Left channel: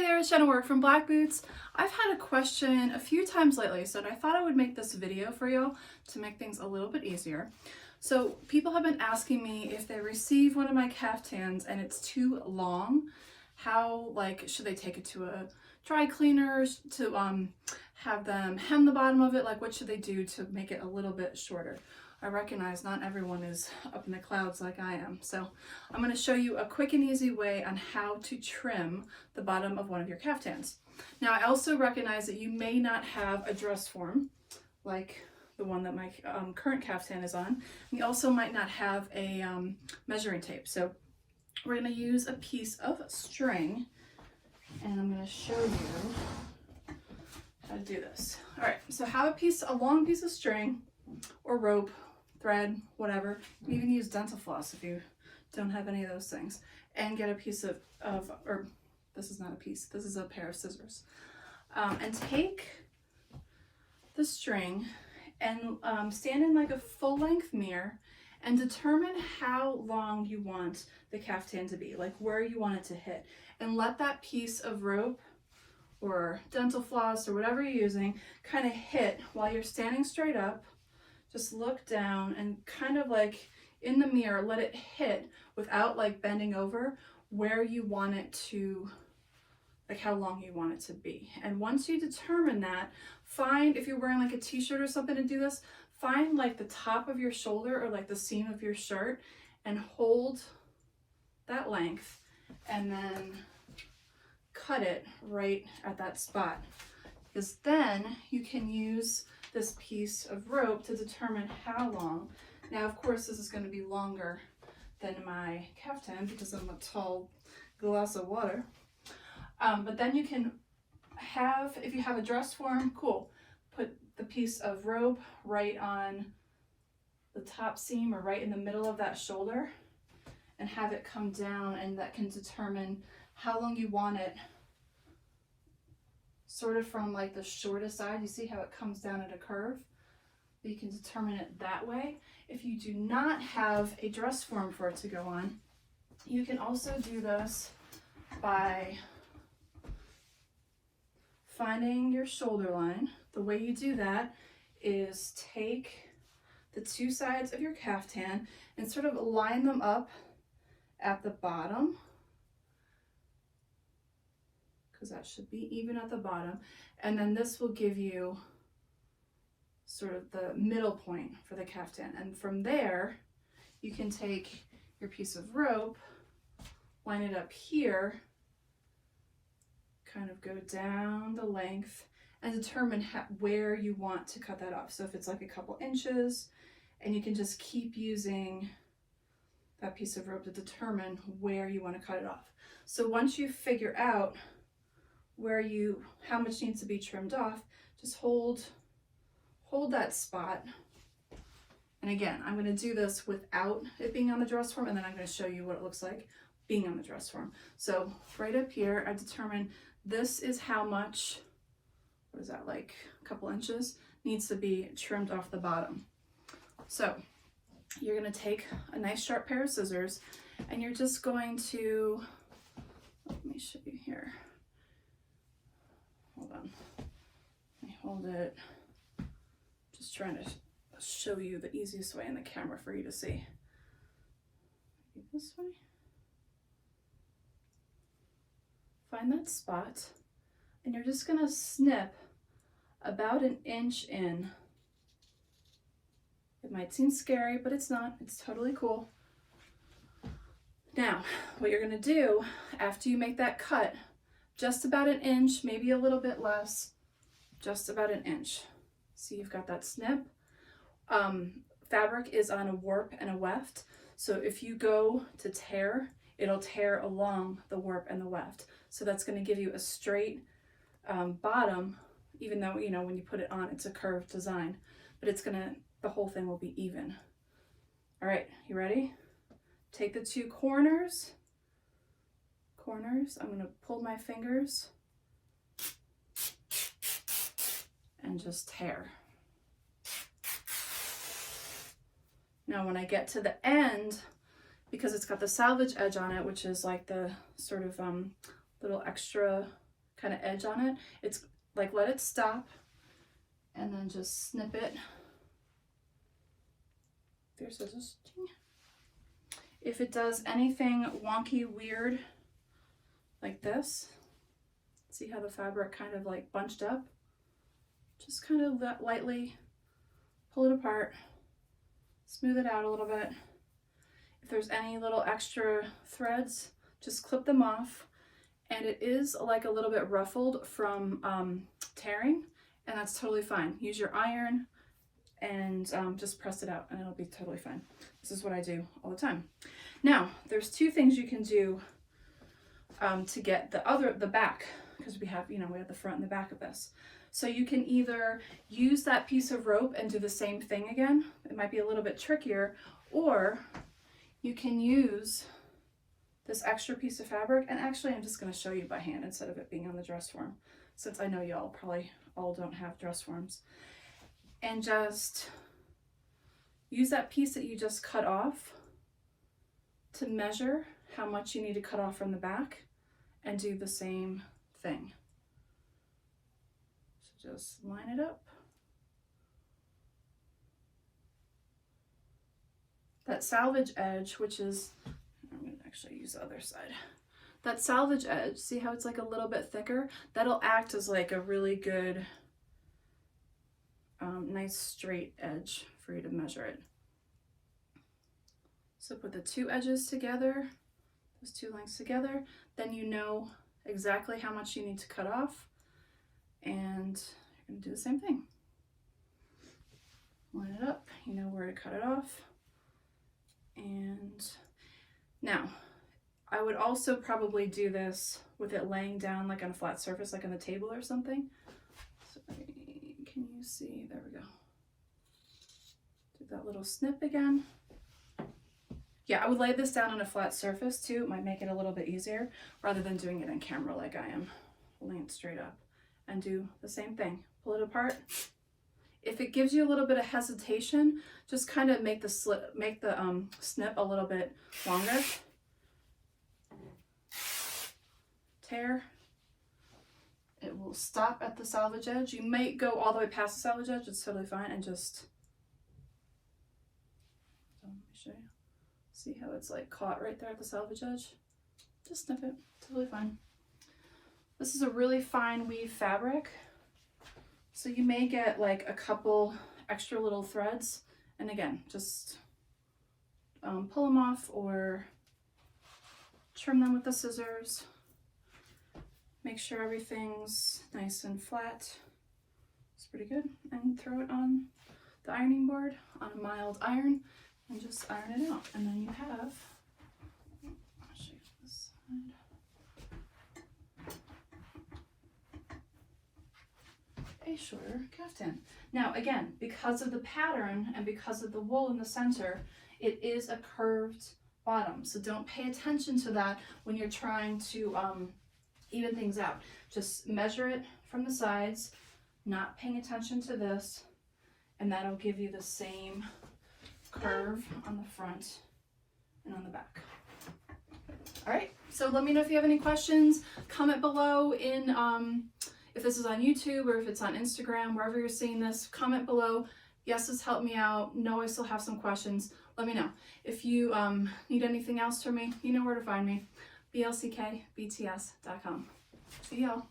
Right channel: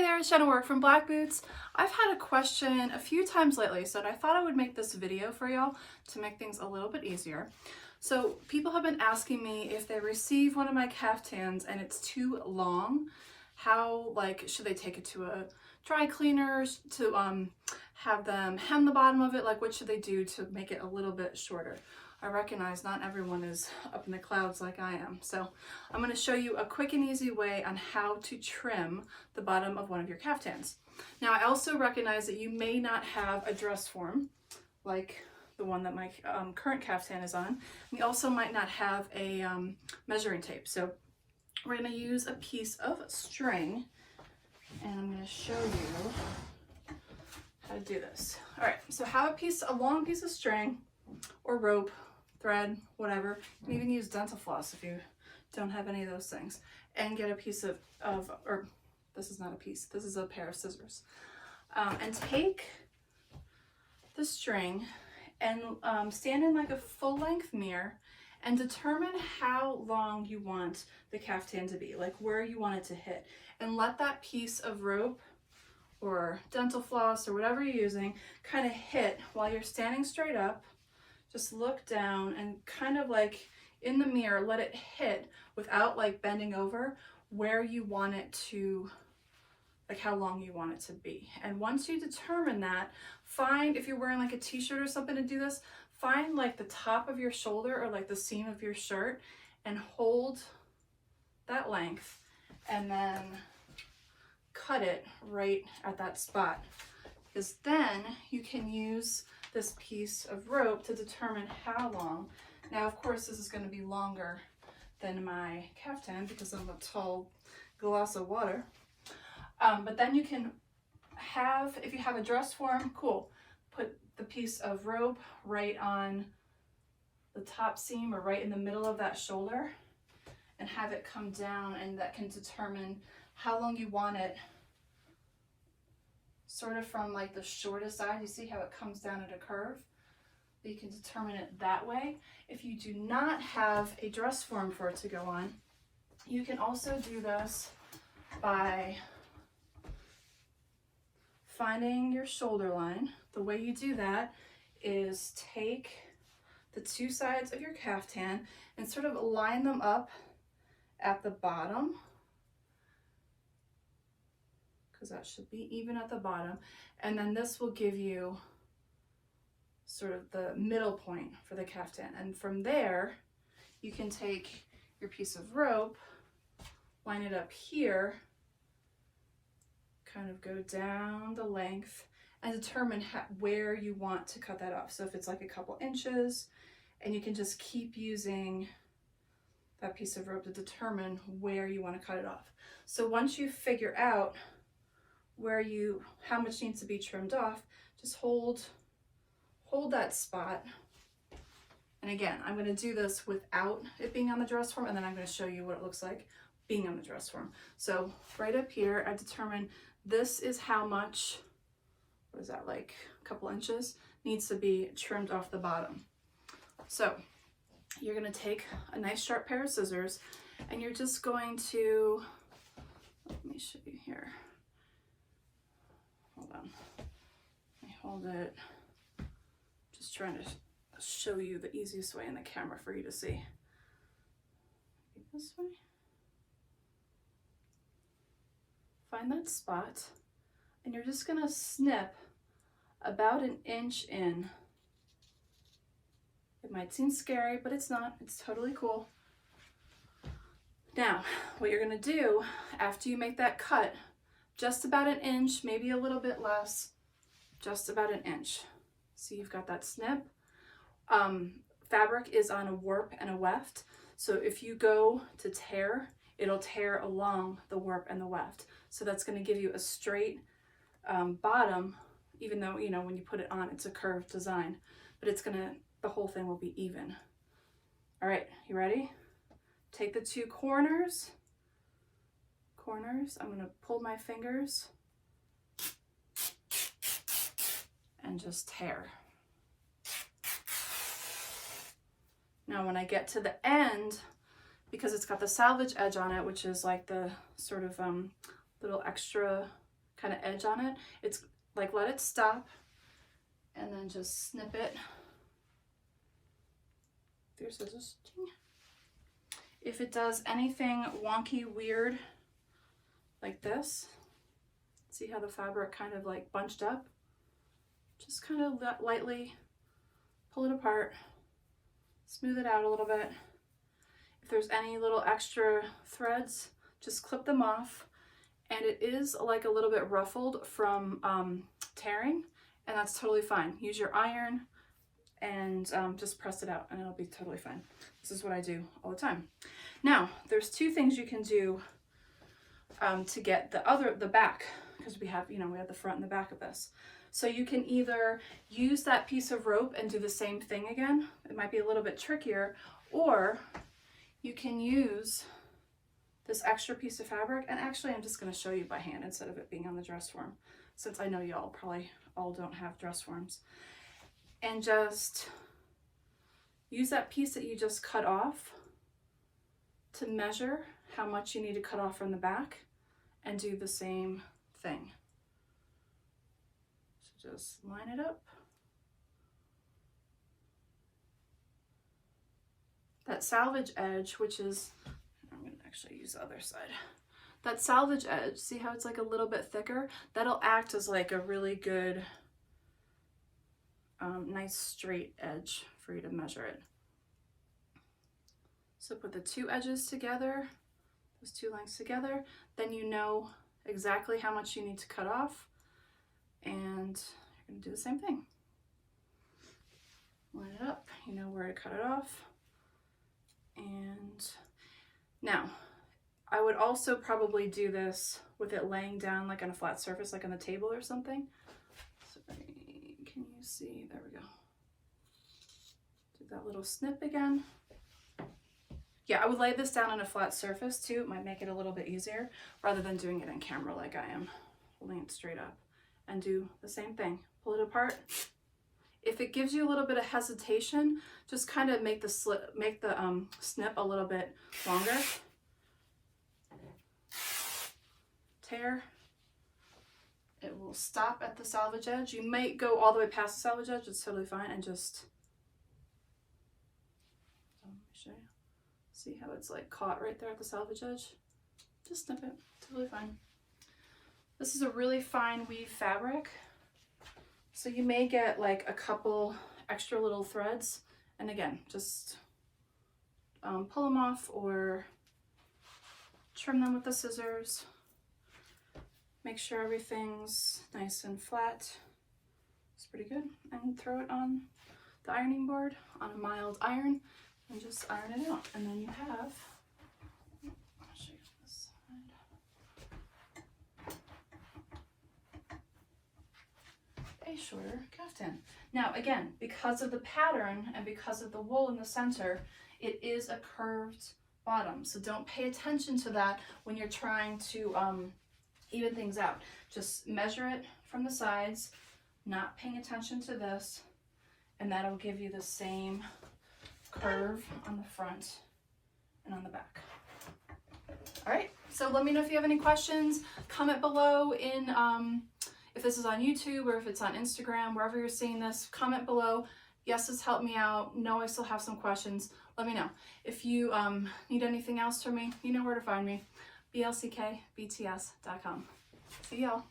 Hey there, it's Jenna Work from Black Boots. I've had a question a few times lately, so I thought I would make this video for y'all to make things a little bit easier. So people have been asking me if they receive one of my caftans and it's too long, how, should they take it to a dry cleaner to have them hem the bottom of it? What should they do to make it a little bit shorter? I recognize not everyone is up in the clouds like I am. So I'm going to show you a quick and easy way on how to trim the bottom of one of your caftans. Now, I also recognize that you may not have a dress form like the one that my current caftan is on. And you also might not have a measuring tape. So we're going to use a piece of string, and I'm going to show you how to do this. All right, so have a long piece of string or rope, thread, whatever. You can even use dental floss if you don't have any of those things. And get a piece or this is not a piece, this is a pair of scissors. And take the string and stand in a full-length mirror and determine how long you want the caftan to be, where you want it to hit. And let that piece of rope or dental floss or whatever you're using kind of hit while you're standing straight up. Just look down and kind of in the mirror, let it hit without bending over where you want it to, how long you want it to be. And once you determine that, find, if you're wearing a t-shirt or something to do this, find the top of your shoulder or the seam of your shirt and hold that length and then cut it right at that spot. Because then you can use this piece of rope to determine how long. Now, of course, this is going to be longer than my caftan because I'm a tall glass of water. But then you can have, if you have a dress form, cool, put the piece of rope right on the top seam or right in the middle of that shoulder and have it come down, and that can determine how long you want it, sort of from the shortest side. You see how it comes down at a curve? You can determine it that way. If you do not have a dress form for it to go on, you can also do this by finding your shoulder line. The way you do that is take the two sides of your caftan and sort of line them up at the bottom, because that should be even at the bottom. And then this will give you sort of the middle point for the caftan. And from there, you can take your piece of rope, line it up here, kind of go down the length and determine where you want to cut that off. So if it's a couple inches, and you can just keep using that piece of rope to determine where you want to cut it off. So once you figure out how much needs to be trimmed off, just hold that spot. And again, I'm going to do this without it being on the dress form, and then I'm going to show you what it looks like being on the dress form. So right up here, I determine this is how much, what is that, a couple inches, needs to be trimmed off the bottom. So you're going to take a nice sharp pair of scissors, and you're just going to, let me show you here. Hold on. Let me hold it. Just trying to show you the easiest way in the camera for you to see. This way. Find that spot, and you're just going to snip about an inch in. It might seem scary, but it's not. It's totally cool. Now, what you're going to do after you make that cut, just about an inch, maybe a little bit less, just about an inch. See, you've got that snip. Fabric is on a warp and a weft. So if you go to tear, it'll tear along the warp and the weft. So that's going to give you a straight bottom, even though, when you put it on, it's a curved design, but the whole thing will be even. All right, you ready? Take the two corners. I'm going to pull my fingers and just tear. Now when I get to the end, because it's got the salvage edge on it, which is the sort of little extra kind of edge on it. It's like, let it stop and then just snip it. There's scissors. If it does anything wonky, weird, like this, see how the fabric kind of like bunched up? Just kind of lightly pull it apart, smooth it out a little bit. If there's any little extra threads, just clip them off. And it is like a little bit ruffled from tearing, and that's totally fine. Use your iron and just press it out and it'll be totally fine. This is what I do all the time. Now, there's two things you can do to get the back, because we have, you know, we have the front and the back of this. So you can either use that piece of rope and do the same thing again. It might be a little bit trickier, or you can use this extra piece of fabric, and actually I'm just going to show you by hand instead of it being on the dress form, since I know y'all probably all don't have dress forms. And just use that piece that you just cut off to measure how much you need to cut off from the back and do the same thing. So just line it up. That salvage edge, which is, I'm going to actually use the other side. That salvage edge, see how it's like a little bit thicker? That'll act as like a really good, nice straight edge for you to measure it. So put the two edges together, those two lengths together, then you know exactly how much you need to cut off, and you're going to do the same thing. Line it up, you know where to cut it off. And now, I would also probably do this with it laying down like on a flat surface, like on the table or something. So, can you see? There we go. Do that little snip again. Yeah, I would lay this down on a flat surface too. It might make it a little bit easier rather than doing it in camera like I am, holding it straight up. And do the same thing. Pull it apart. If it gives you a little bit of hesitation, just kind of make the snip a little bit longer. Tear. It will stop at the salvage edge. You might go all the way past the salvage edge. It's totally fine. And just, let me show you. See how it's like caught right there at the salvage edge? Just snip it. Totally fine. This is a really fine weave fabric. So you may get like a couple extra little threads, and again, just pull them off or trim them with the scissors. Make sure everything's nice and flat. It's pretty good. And throw it on the ironing board on a mild iron and just iron it out. And then you have, I'll show you this side. A shorter kaftan. Now again, because of the pattern and because of the wool in the center, it is a curved bottom. So don't pay attention to that when you're trying to even things out. Just measure it from the sides, not paying attention to this, and that'll give you the same curve on the front and on the back. All right, so let me know if you have any questions. Comment below in if this is on YouTube or if it's on Instagram, wherever you're seeing this, comment below. Yes, this helped me out. No, I still have some questions. Let me know. If you need anything else from me, you know where to find me. blckbts.com. See y'all.